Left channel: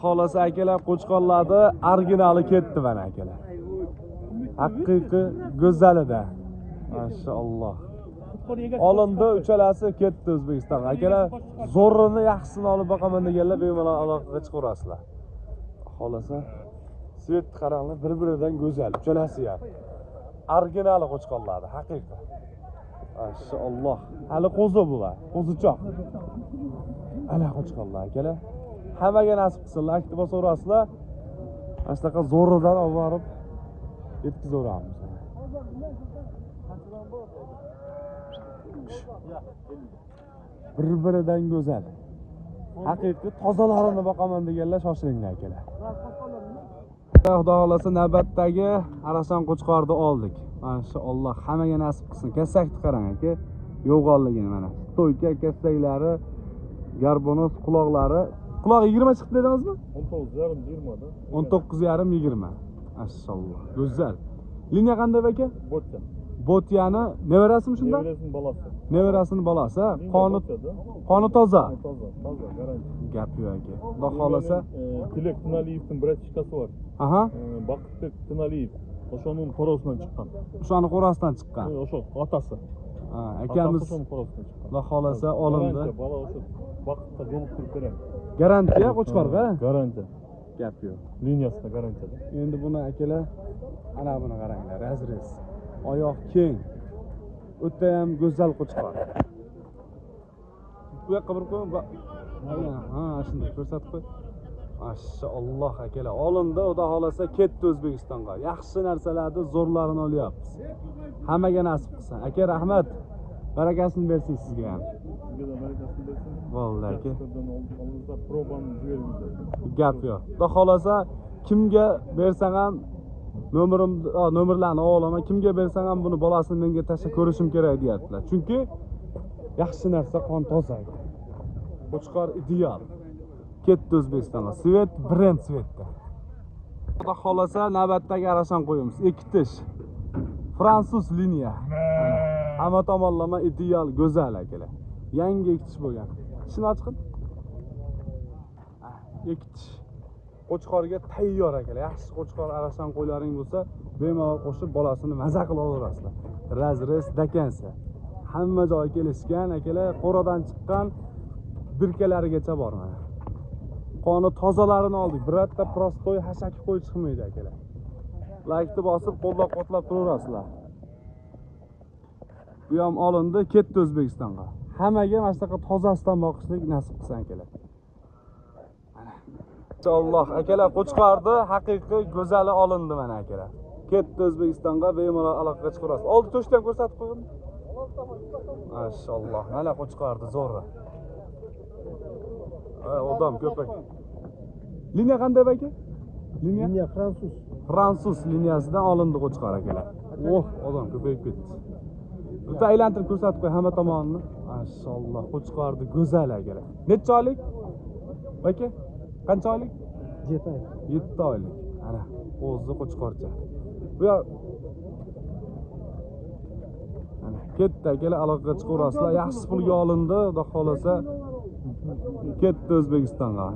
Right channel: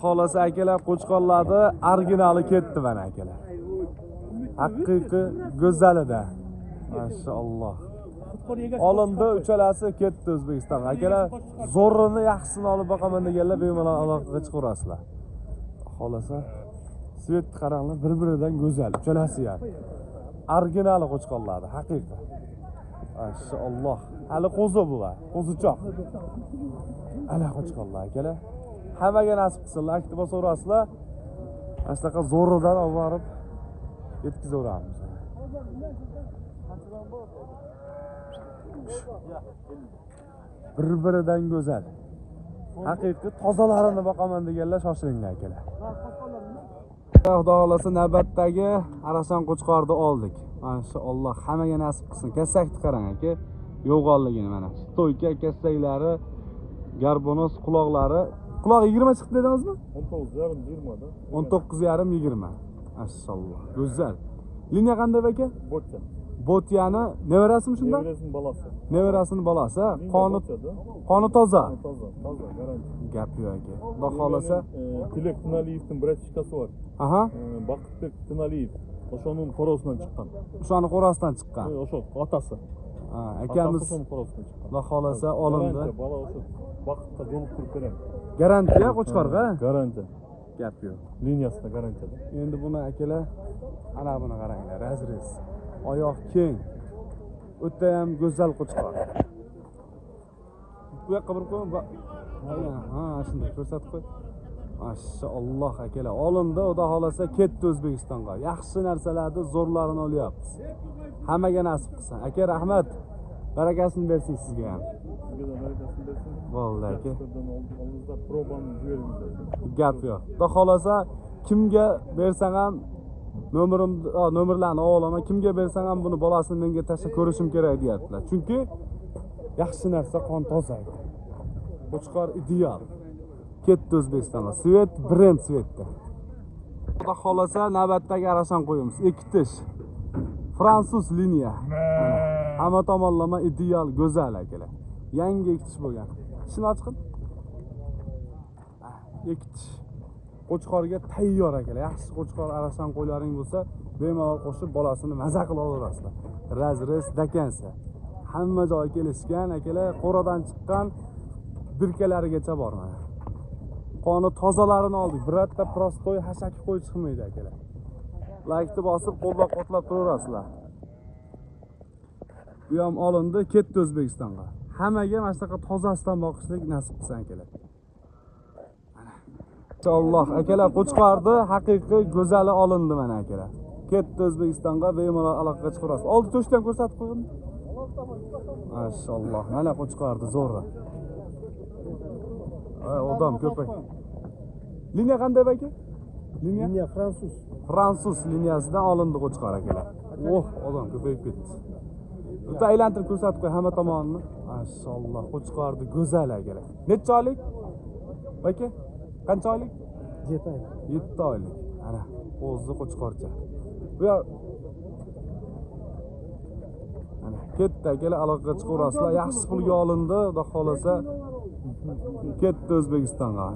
Xolasa akalar qo'chqorlarni originali ketdi mana akalar. Haqiqiy go'zalida. Mashalloh. Olindi, uchalasi ketdi O'zbekistonga. Akalar zo'rini yaxshisini olib boqaman deganlar bemalol aloqaga chiqarasizlar. Xolasa svet qaranglar, bir-biridan go'zal, uchalasi ham. Originali qo'chqorlardi, haqiqiy. Mashalloh. Hali qo'zi bular, qo'zichoq. Ana qo'chqorlar akalar. Hammaga nasib qilsinlar, iltimos so'rasizlar. Ashlaqa zo'ridan olib borib yetkazavuramiz. Bir-biridan go'zal. Haqiqiy tozalarini boqaman deganlar shoshilinglar akalar. Xudo xolasa navbatdagi Arasan qo'chqorni oldik. Mashalloh, hammaga nasib qilsin. Kassakni qarang aka. Yo'g'onligini mana. Stoyka kassaklari, garbonos quloqlari. Quloq 20 chiqdi dedingizmi? 19,5-20. Mashalloh. Go'zal. Liniya qanday aka? Botya. Botyani nevarasimi shunda? Nevarasining balasi. Nevarasining balasi. Qoni toza. Gap yo'q aka. Xudo xolasa Tilek Tunaliyevning bratishkasi bor. Aha. Baqitbek Tunaliyev. O'shaning qorasidan chiqqan. O'shani qorasidan chiqqan. O'sha otasi. Ha, akamiz Xudo xolasa olindi. Vaqtda kerak. Garantiya qo'chqorga? Garantiya. Gap yo'q. Liniyasida garantiya. Endi buni akalar, ana buni qaranglar, razrez. Oyoq keng. O'ta ham go'zal qo'chqor. Bu yoqqa bir qo'y. Ha, shunday ko'rsatib qo'y. Mashalloh akalar, olindi, xudo xolasa ketdi O'zbekistonga. Yaxshi narsalarni zo'rlarini olyapmiz. Hammaga nasib qilsin. Aka, rahmat. Barakasini bersin sizga ham. Sizga barakasini bersin. Bo'ldi aka. Oldingizda probani jibering. Gap yo'q. Xudo xolasa kimga bersang ham nomerlarni olaman. Kimga bersang ham buni bolasini menga tashlab ko'rishim kerak deyaptilar. Chunki yaxshi narsa qon toza. Qo'chqor ideal. Ketdi O'zbekistonga. Svet brend svetda. Xudo xolasa navbatdagi Arasan qo'yamiz. Ikkitish. Fransuz liniya. Hamma tomonlama ideal, go'zal akalar. Yangi ikkitish bo'lgan. Ishini ochqin. Ikkitish. Qo'chqorga tayyor akalar. Yaxshi qo'chqor Arasan qo'ylaring bo'lsa, bemalol qo'shib bolasini maza qilib olaverasizlar. Razrez dakansa. Hamma joy kelishgan akalar, qo'radan chiqqan birkalarigacha bor mana. Qoni tozalarini oldik. Birorta prostoy hashaki qo'y chiqmaydi akalar. Laykni bosib, qo'llab-qo'tlab turaverasizlar. Bu ham olindi, ketdi O'zbekistonga. Hammaga mana shunaqa tozasidan boqishlik nasib qilsin akalar. Alloh akalar, qo'chqorni haqiqiy go'zali olindi mana akalar. Ketdi O'zbekistonga, bemalol aloqaga chiqarasiz. Oldi to'shni ham ko'rsatib qo'ying. Mashalloh, mana qo'chqorni zo'ri. Odam ko'p. Liniya qanday aka? Liniya Fransuz. Fransuz liniyasidan olindi qo'chqor akalar. Odam ko'payib ketdi. Bitta aylantirib ko'rsatib qo'y hamma tomonini. Mashalloh, qo'chqorni go'zal akalar. Necha oylik? Aka, qancha oylik? 7 oylik. 7 oylik. Ana, o'zi qo'chqorcha. Bu ana, ketdi akalar, aloqaga chiqarasizlar. Yaxshi pulga olindi, xudo xolasa ketdi O'zbekistonga.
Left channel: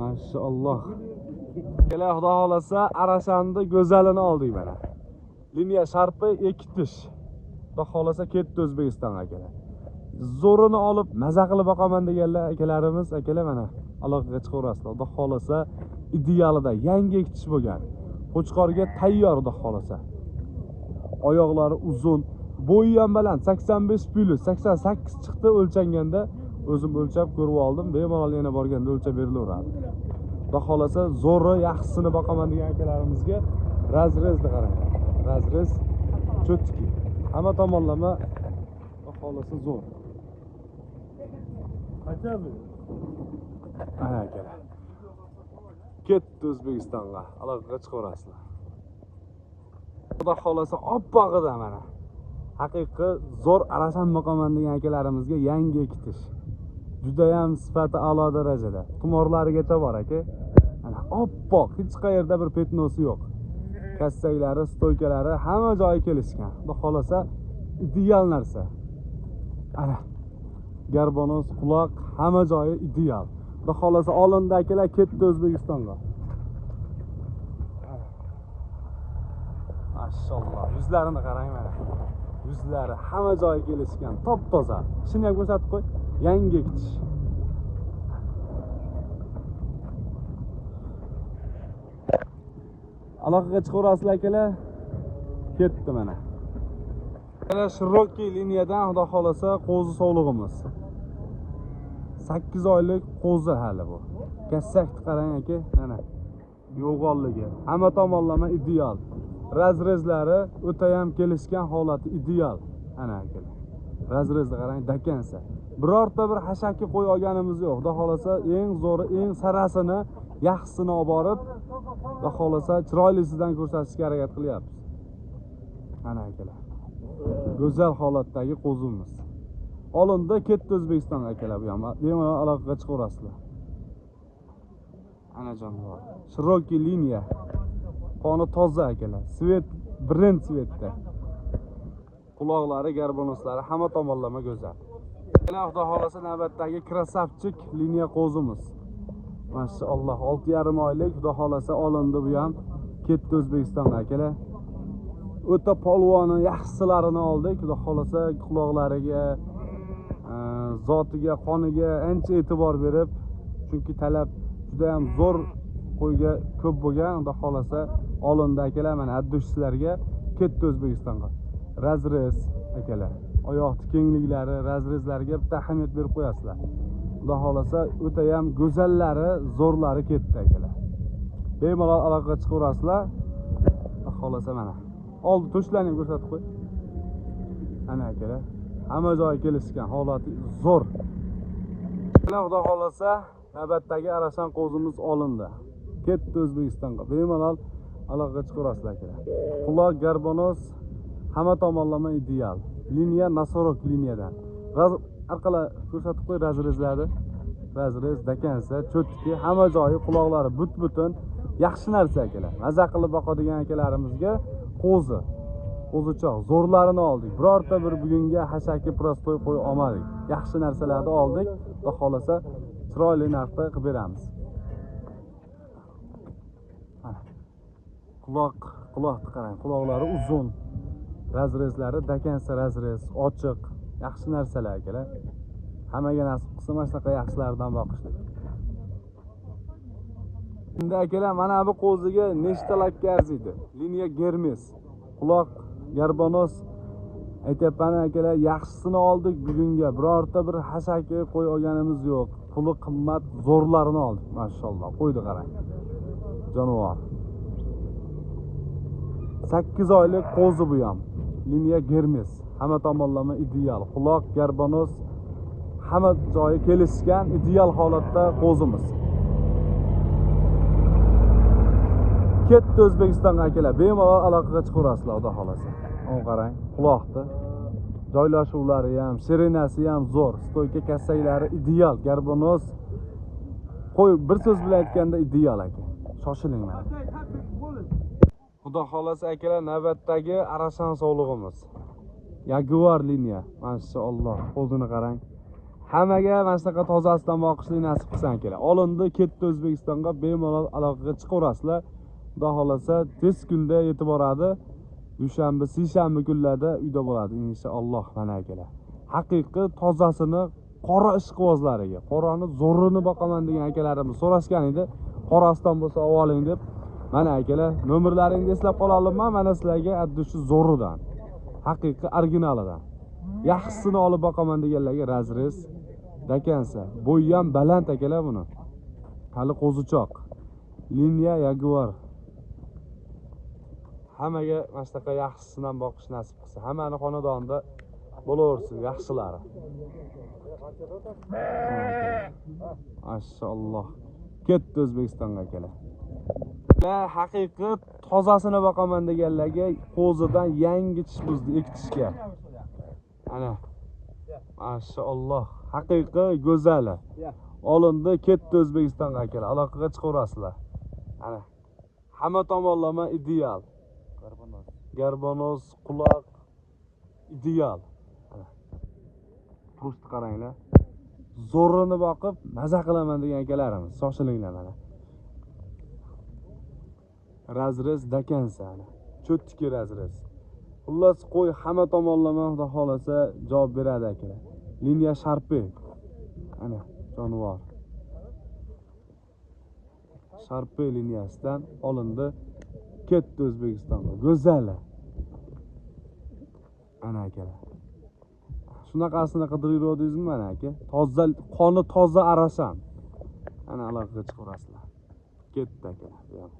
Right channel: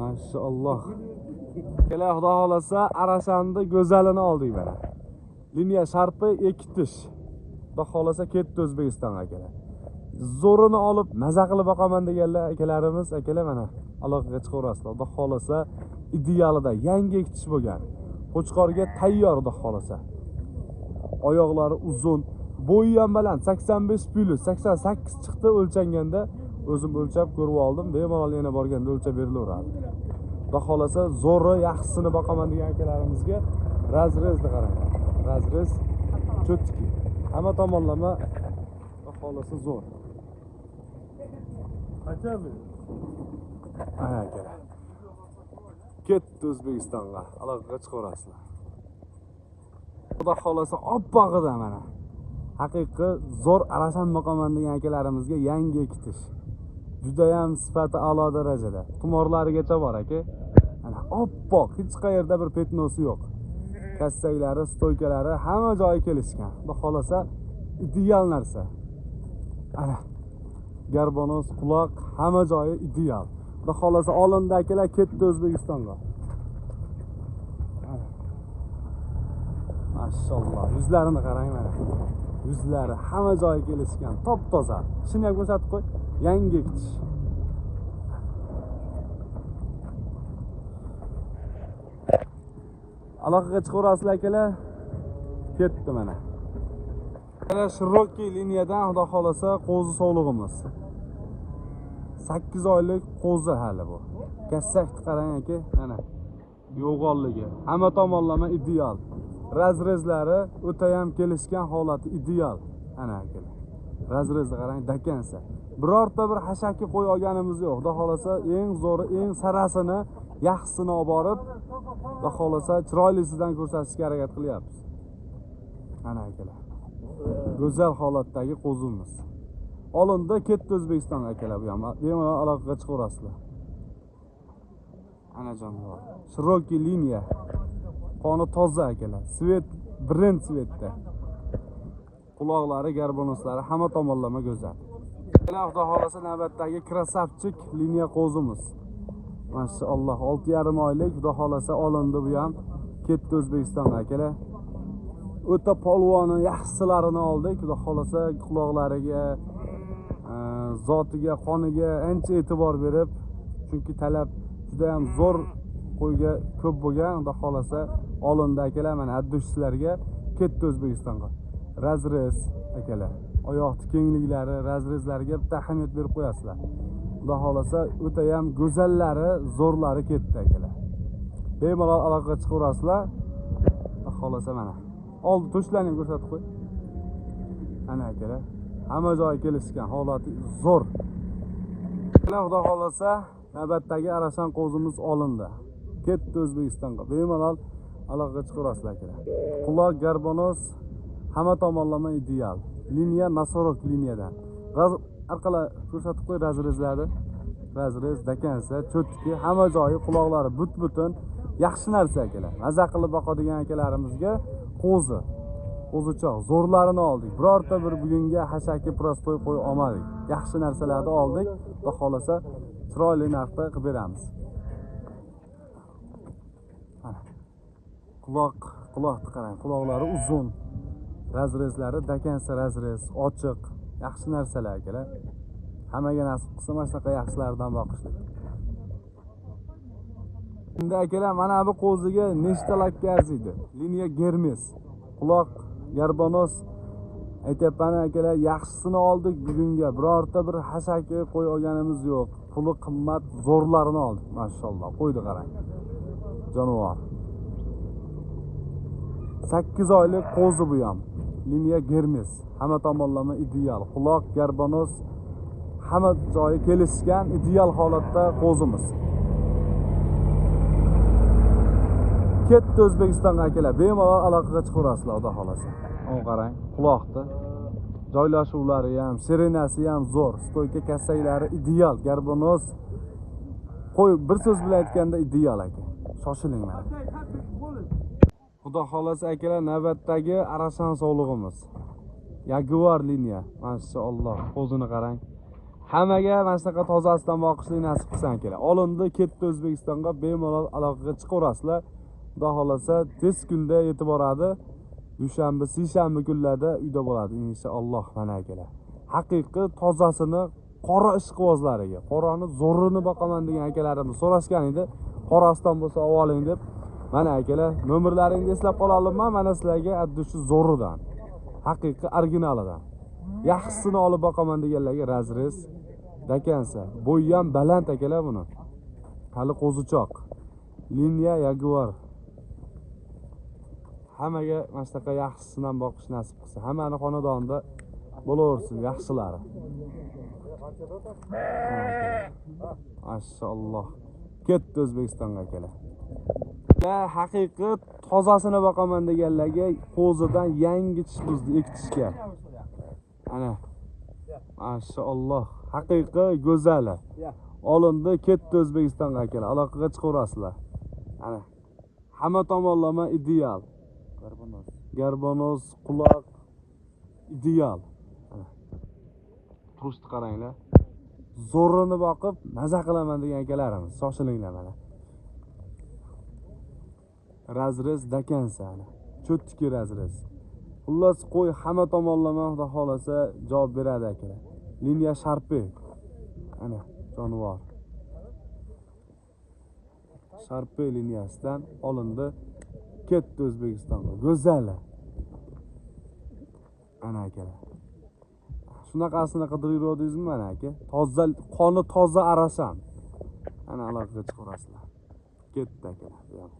Mashalloh. Akalar, xudo xolasa Arasanni go'zalini oldik mana. Liniya sharpi ikkitish. Xudo xolasa ketdi O'zbekistonga akalar. Zo'rini olib maza qilib boqaman deganlar akalarimiz, akalar mana aloqaga chiqarasizlar. Xudo xolasa idealida yangi ikkitish bo'lgan. Qo'chqorga tayyor, xudo xolasa. Oyoqlari uzun, bo'yi ham baland, 85+88 chiqdi o'lchanganda. O'zim o'lchab ko'rib oldim. Bemalol yana borganda o'lchab berilaveradi. Xudo xolasa zo'ri yaxshisini boqaman degan akalarimizga razrezni qaranglar. Razrez cho'tki. Hamma tomonlama xudo xolasa zo'r. Qachon? Ana akalar. Ketdi O'zbekistonga, aloqaga chiqarasizlar. Xudo xolasa oppog'ida mana. Haqiqiy zo'r Arasan boqaman degan akalarimizga yangi ikkitish. Juda ham sifati a'lo darajada. Tumorlarigacha bor aka. Ana oppoq, hech qayerda bir petnosi yo'q. Kassaklari, stoykalari hamma joyi kelishgan. Xudo xolasa ideal narsa. Ana garbonos, quloq hamma joyi ideal. Xudo xolasa olindi akalar, ketdi O'zbekistonga. Mashalloh, yuzlarini qarang mana. Yuzlari hamma joyi kelishgan, top-toza. Ishini ham ko'rsatib qo'y. Yangi tish. Aloqaga chiqaverasizlar akalar. Ketdi mana. Mana Shirokki liniyadan xudo xolasa qo'zi sog'lig'imiz. 8 oylik qo'zi hali bu. Kassakni qarang aka, mana. Yo'g'onligi, hamma tomonlama ideal. Razrezlari o'ta ham kelishgan holati ideal. Ana akalar. Razrezni qarang, dakansa. Birorta bir hashaki qo'y olganimiz yo'q. Xudo xolasa eng zo'ri, eng sarasini, yaxshisini olib borib, xudo xolasa chiroylisidan ko'rsatishga harakat qilyapmiz. Ana akalar. Go'zal holatdagi qo'zimiz. Olindi, ketdi O'zbekistonga akalar bu ham. Bemalol aloqaga chiqaverasizlar. Ana jonivor. Shirokki liniya. Qoni toza akalar. Svet brend svetda. Quloqlari, garbonoslari hamma tomonlama go'zal. Xudo xolasa navbatdagi krasavchik liniya qo'zimiz. Mashalloh, 6,5 oylik xudo xolasa olindi bu ham. Ketdi O'zbekistonga akalar. O'ta polvoni, yaxshilarini oldik. Xudo xolasa quloqlariga, zotiga, qoniga ancha e'tibor berib, chunki talab juda ham zo'r qo'yga ko'p bo'lgan. Xudo xolasa olindi akalar, mana addushlarga ketdi O'zbekistonga. Razrez akalar. Oyoq kengliklari, razrezlarga bitta ahamiyat berib qo'yasizlar. Xudo xolasa o'ta ham go'zallari, zo'rlari ketdi akalar. Bemalol aloqaga chiqaverasizlar. Xudo xolasa mana. Oldi to'shlarni ko'rsatib qo'y. Ana akalar. Hamma joyi kelishgan, holati zo'r. Xudo xolasa navbatdagi arashan qo'zimiz olindi. Ketdi O'zbekistonga. Bemalol aloqaga chiqaverasizlar akalar. Quloq, garbonos hamma tomonlama ideal. Liniya Nasorok liniyadan. Orqala ko'rsatib qo'y razrezlarni. Razrez, dakansa, cho'tki, hamma joyi, quloqlari but-butun, yaxshi narsa akalar. Maza qilib boqadigan akalarimizga qo'zi, qo'zichoq, zo'rlarini oldik. Birorta bir bugunga hashaki prostoy qo'y olmadik. Yaxshi narsalarni oldik. Xudo xolasa chiroyli narxda qilib beramiz. Quloqni qarang, quloqlari uzun. Razrezlari dakansa razrez, ochiq, yaxshi narsalar akalar. Hammaga nasib qilsa mana shunaqa yaxshilardan boqishlik. Endi akalar mana bu qo'ziga nechta lakka arziydi? Liniya Germes. Quloq, garbonos aytyapman akalar, yaxshisini oldik bugunga. Birorta bir hashaki qo'y olganimiz yo'q. Puli qimmat zo'rlarini oldik. Mashalloh, qo'ydi qarang. Jonivor. 8 oylik qo'zi bu ham. Liniya Germes. Hamma tomonlama ideal. Quloq, garbonos hamma joyi kelishgan ideal holatda qo'zimiz. Ketdi O'zbekistonga akalar. Bemalol aloqaga chiqaverasizlar, xudo xolasa. O'n qarang, quloqni. Joylashuvlari ham, shirinasi ham zo'r. Stoyka kassaylari ideal, garbonos. Qo'y, bir so'z bilan aytganda ideal aka. Shoshiling mana. Xudo xolasa akalar, navbatdagi arashan sog'lig'imiz. Jaguar liniya. Mashalloh, qo'zini qarang. Hammaga mana shunaqa tozasidan boqishlik nasib qilsin akalar. Olindi, ketdi O'zbekistonga, bemalol aloqaga chiqaverasizlar. Xudo xolasa tez kunda yetib boradi. Dushanba, seshanba kunlarda uyda bo'ladi inshaalloh mana akalar. Haqiqiy tozasini qora ishqibozlariga, qorani zo'rini boqaman degan akalarimiz so'rashgan edi. Qorasidan bo'lsa oling deb. Mana akalar, nomerlaringni eslab qola olmayman. Mana sizlarga addushi zo'ridan. Haqiqiy originalidan. Yaxshisini olib boqaman deganlarga razrez, dakansa. Bo'yi ham baland akalar buni. Hali qo'zichoq. Liniya Jaguar. Hammaga mana shunaqa yaxshisidan boqish nasib qilsa, hammani xonadonida bo'laversin yaxshilari. Mashalloh. Ketdi O'zbekistonga akalar. Haqiqiy tozasini boqaman deganlarga qo'zidan yangi tish buzdi, ikki tishga. Ana. Mashalloh. Haqiqiy go'zali. Olindi, ketdi O'zbekistonga akalar. Aloqaga chiqaverasizlar. Ana. Hamma tomonlama ideal. Garbonos, quloq ideal. Turishni qaranglar. zo'rini boqib maza qilaman degan akalarimiz, shoshilinglar mana. Razrez dakansa ana. Cho'tki razrez. Xullas qo'y hamma tomonlama xudo xolasa javob beradi akalar. Liniya sharpi. Ana jonivor. Sharpi liniyasidan olindi. Ketdi O'zbekistonga. Go'zal. Ana akalar. Shunaqasini qidiryapsizmi mana aka? Toza, qoni toza arasam. Ana aloqaga chiqarasizlar. Ketdi akalar.